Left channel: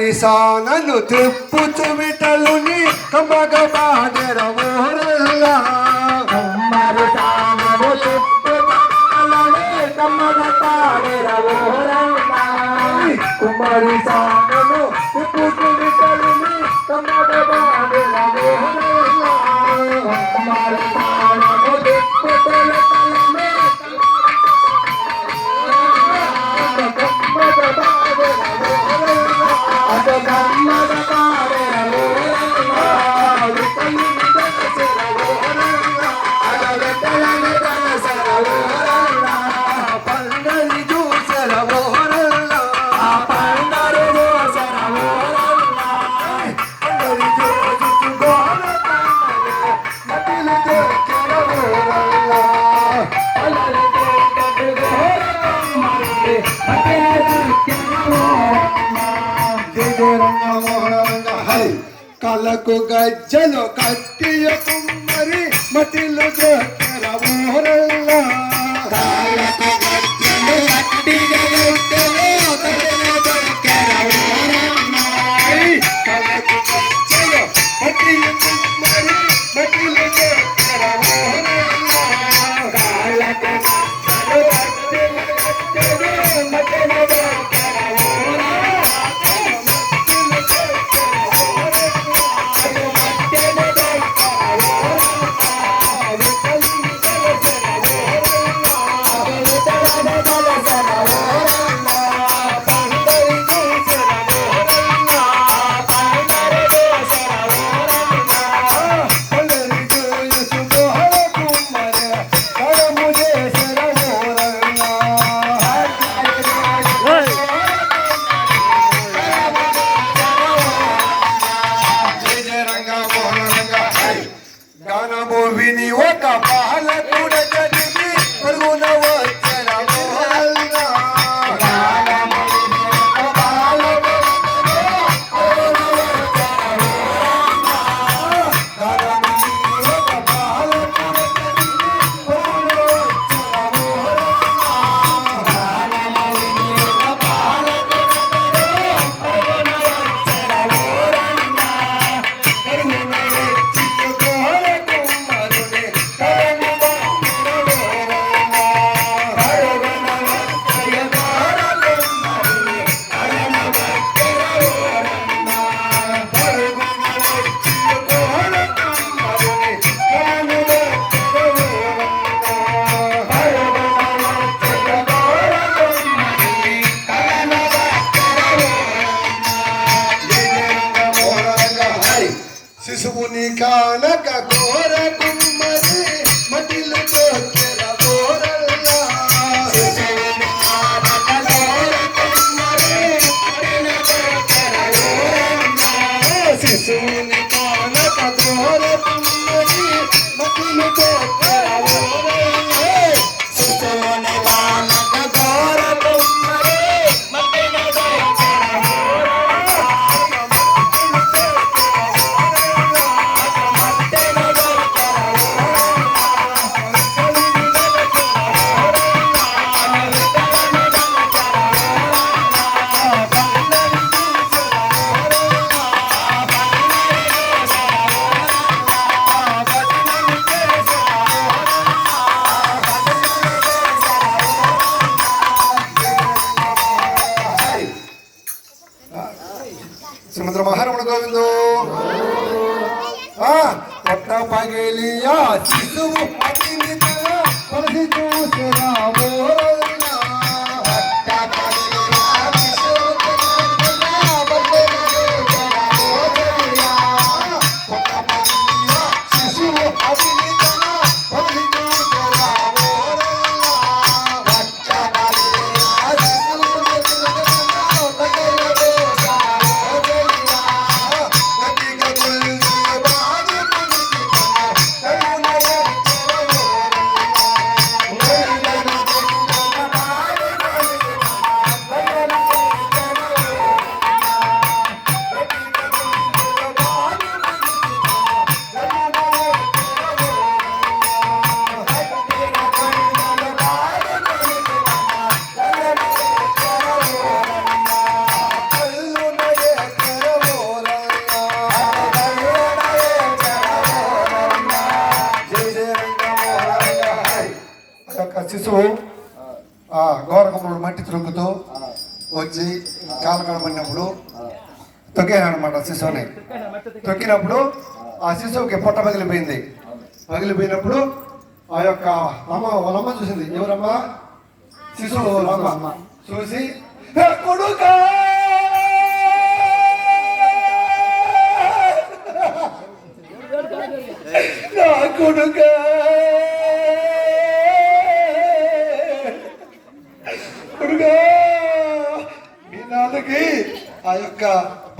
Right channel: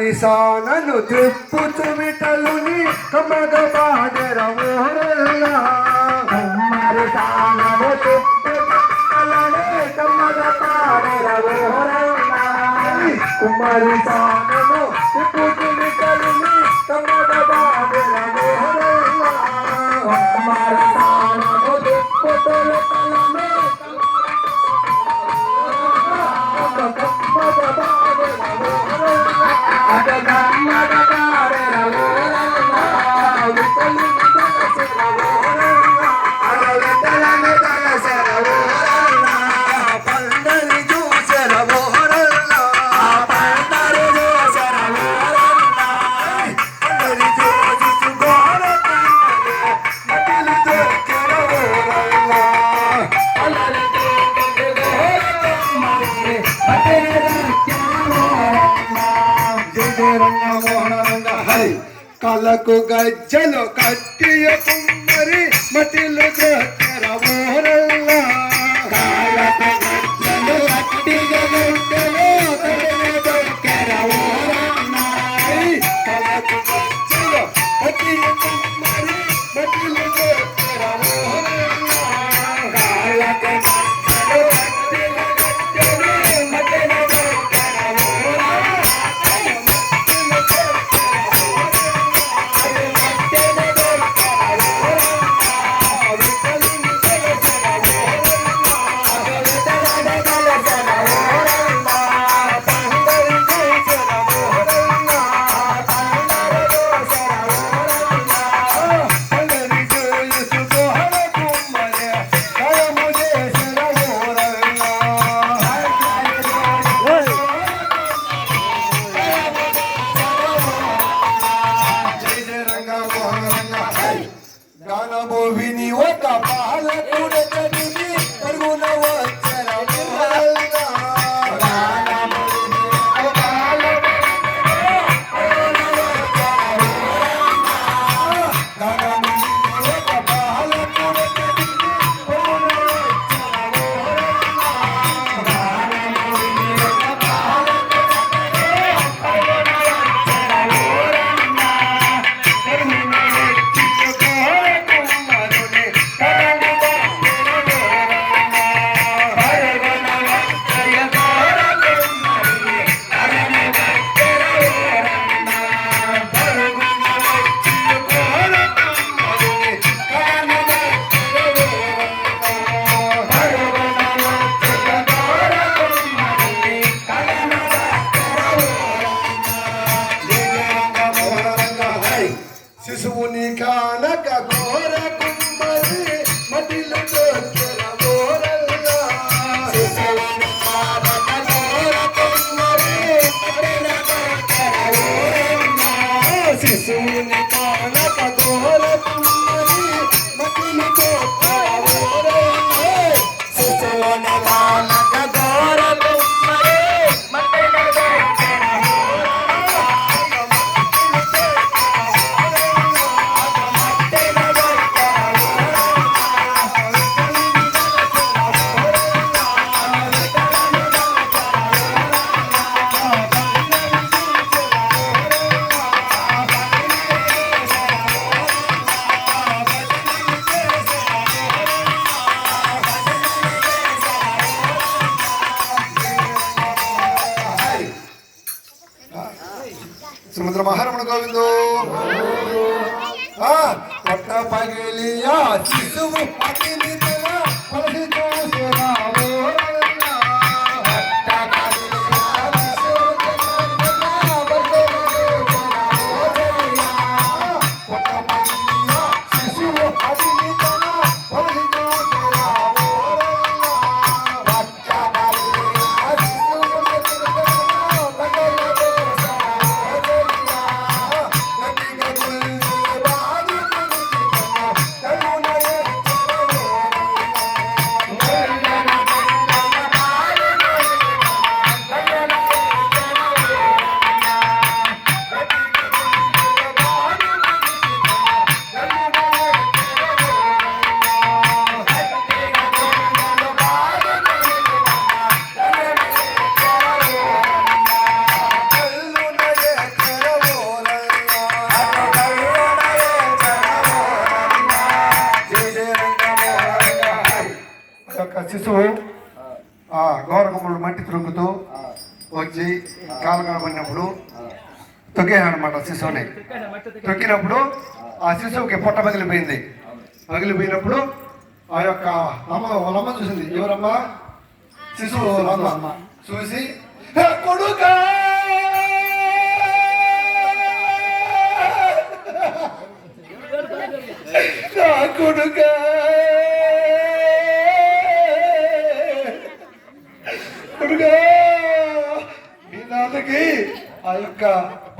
ఈశానను తిప్పుచు మిటలుని కమగబాగరవోరల్లా కమ్మరు తానము తిప్పుతలనే కమగబాగరవోరల్లా కుమరు తాన Oh, మనకు గజ్జలు కట్టియ కుమ్మరి మటిలు దొక్కరవోరల్లా kunikana kako శ్రీమంత్ర మహారమణ గోవిందో. ఎట్ట పగిలియా వస్తూ గౌరకమ్మలు మట్టి త్రుంగుతూ వచ్చి కాలు కనబడినప్పుడు తొక్కాయనమాట శిశువుని. తొక్కినప్పుడు ఆ శిశువుకి పొట్ట పగిలిపోయింది. పగిలిపోయినప్పుడు ఆ యొక్క అమ్మ వాళ్ళమ్మ చూసింది. ఎవరమ్మా? శిశువు అమ్మ. చూసి కొడుకా!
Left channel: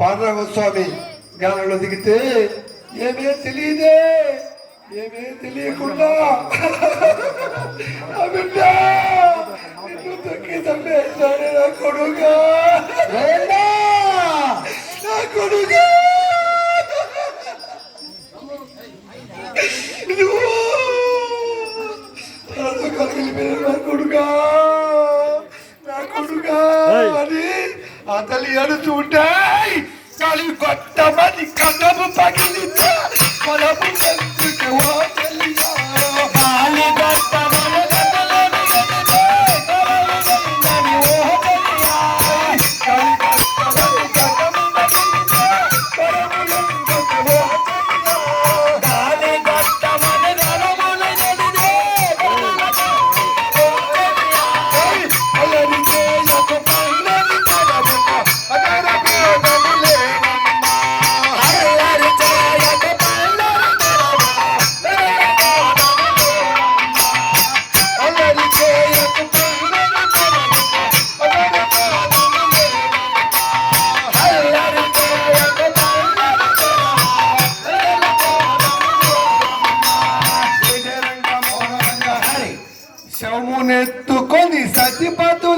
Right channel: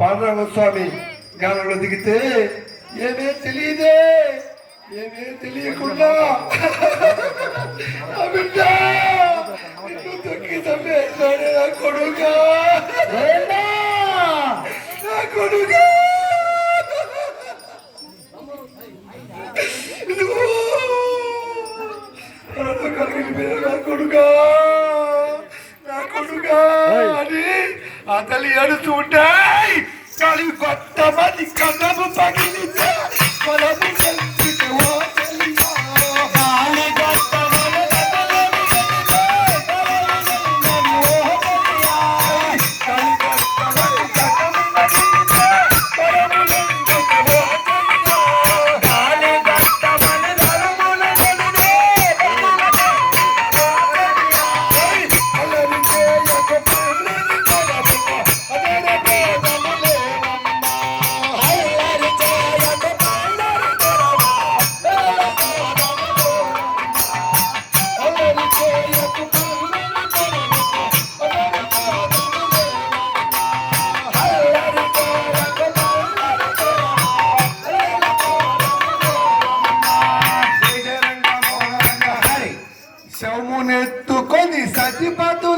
పాండవస్వామి జ్ఞానంలో దిగితే ఏమే తెలియదే? ఏమే తెలియకుండా? కొడుగా కొడుగా కొడుగా అని ఆ తల్లి ఉంటా. you got శవమునెత్తుకొని సతిపతు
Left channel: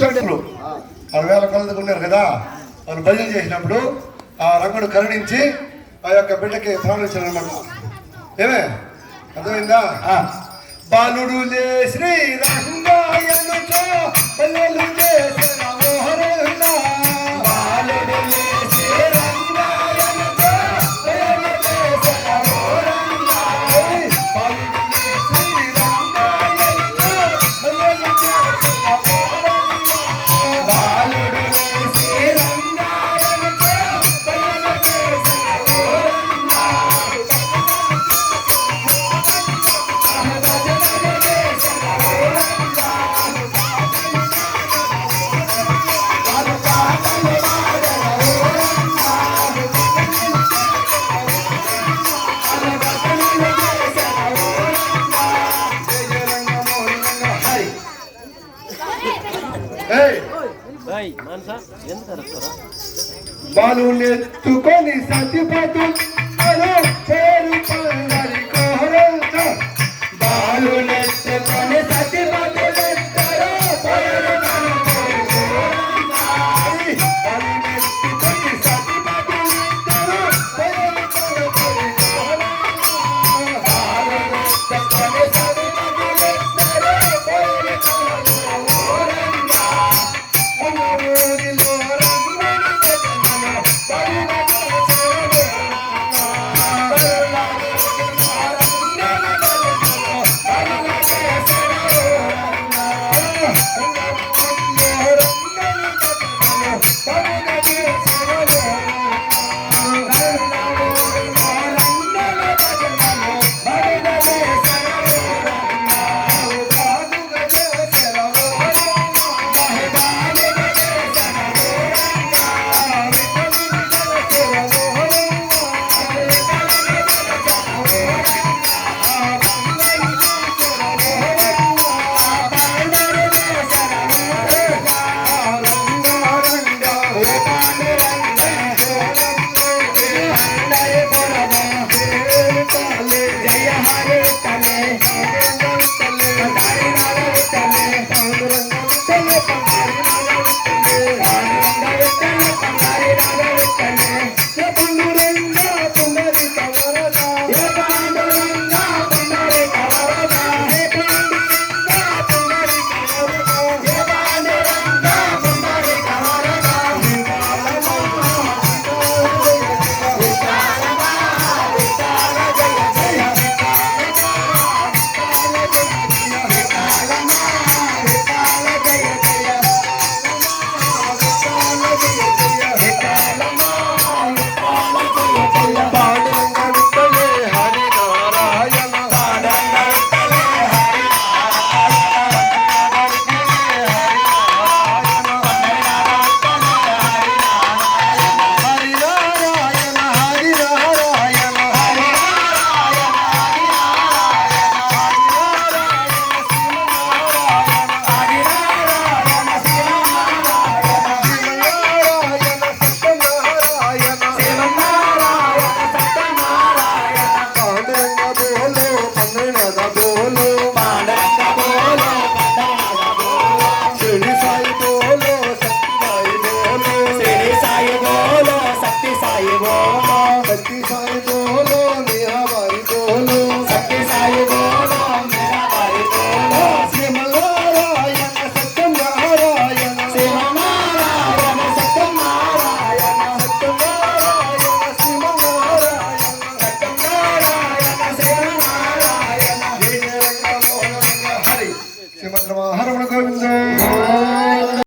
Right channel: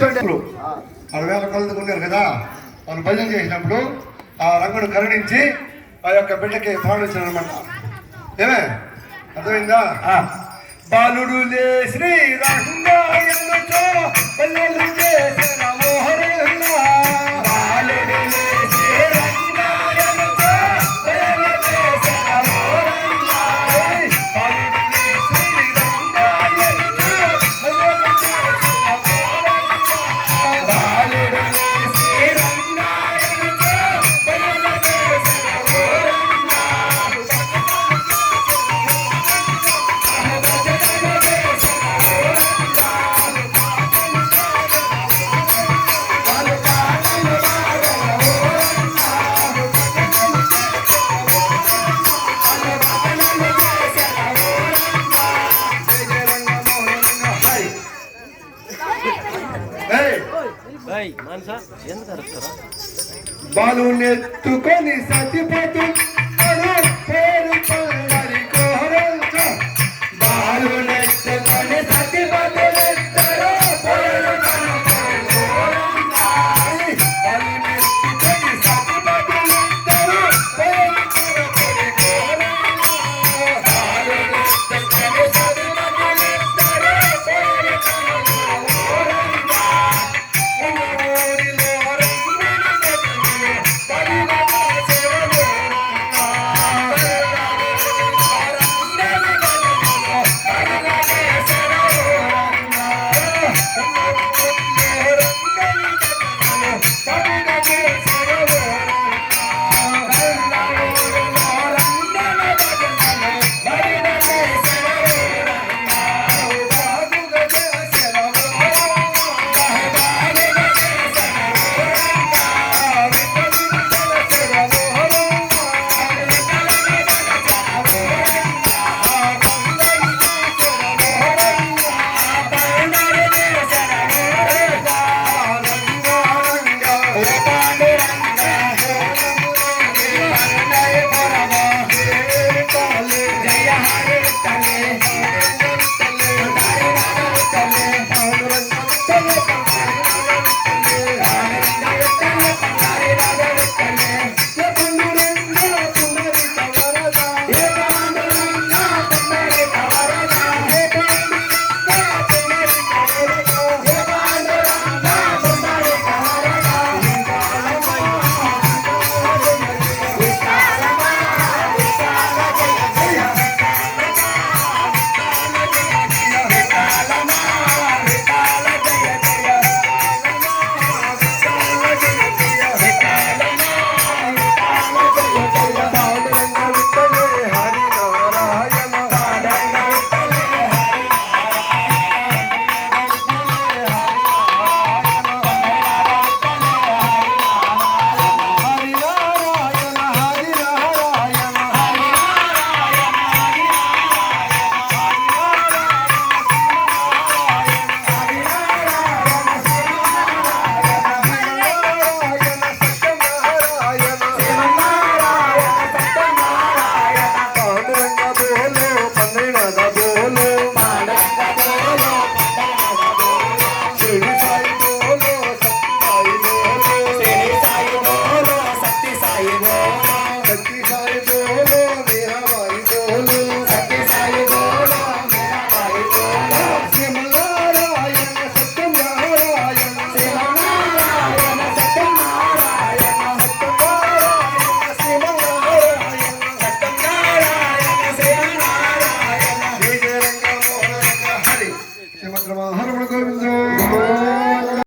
కూర్చోండి మన వేల కొలది ఉన్నారు కదా? తను భజన చేసినప్పుడు ఆ రంగును కరుణించి ఆ యొక్క బిడ్డకి ప్రాణించడం అనమాట ఏమే? అర్థమైందా? బాలుడు లే Shri రంగాయనుతో Balunet, tu connais ça, tu peux.